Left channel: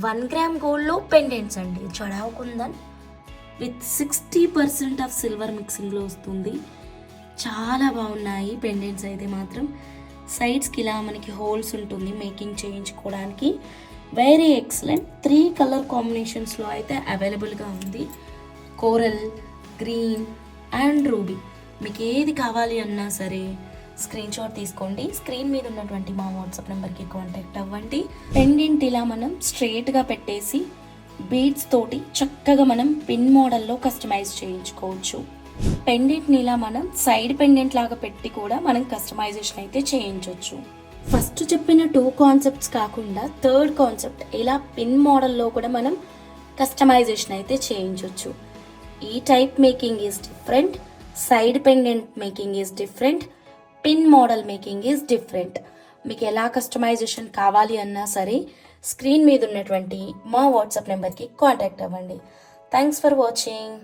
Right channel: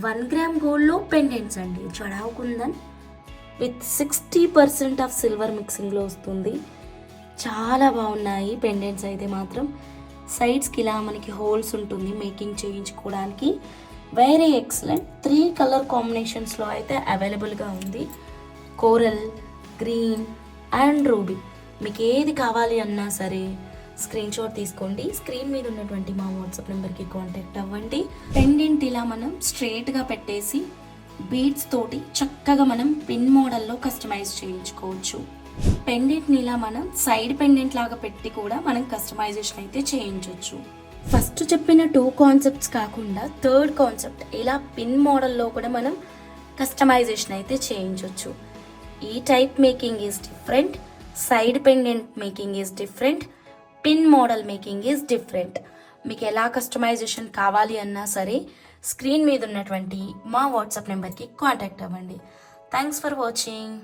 1 gram గోల్డ్లో pendants అండి. చడావ్ kundan with 60% of silver మిక్సింగ్లో వస్తుంది. చాలా బాగున్నాయి పెండెంట్స్ అయితే మాత్రం. సైడ్స్కి ఇలా మనకి హోల్స్ ఉంటుంది మేకింగ్ చేయించుకోవడానికి. Very excellent. 3 కలర్ కాంబినేషన్స్లో అయితే అవైలబుల్గా ఉంది. Coral, green and ruby. మీకు ఏది కావాలి అన్నా సరే స్క్రీన్ షాట్ తీసుకోండి. స్క్రీన్ మీద ఉన్నటువంటి మా వాట్సాప్ నెంబర్కి కాంటాక్ట్ అవ్వండి. పెండెంట్ ఇలా మనం స్ట్రైట్గా పెట్టేసి బీడ్స్ తోటి చక్కగా మనం పిన్ మోడల్లో కస్టమైజ్ చేయించుకోవచ్చు. పెండెంట్ని ఇలా మనం సైడ్ పెండెంట్ లాగా పెట్టి కూడా మనం కస్టమైజేషన్ అయితే చేయించవచ్చు. ఫస్ట్ చెప్పిన 2 కాన్సెప్ట్స్ కాకుండా 3rd కాన్సెప్ట్ ఇలా పిన్ మోడల్లో కూడా మనం కస్టమైజేషన్ అయితే చేయించవచ్చు. ఈ type making is different, side pendant making is different, pin model making is different. మీకు ఎలా కస్టమైజేషన్ కావాలి అన్నా సరే స్క్రీన్ మీద ఉన్నటువంటి మా వాట్సాప్ నెంబర్కి కాంటాక్ట్ అవ్వండి. Thanks for watching.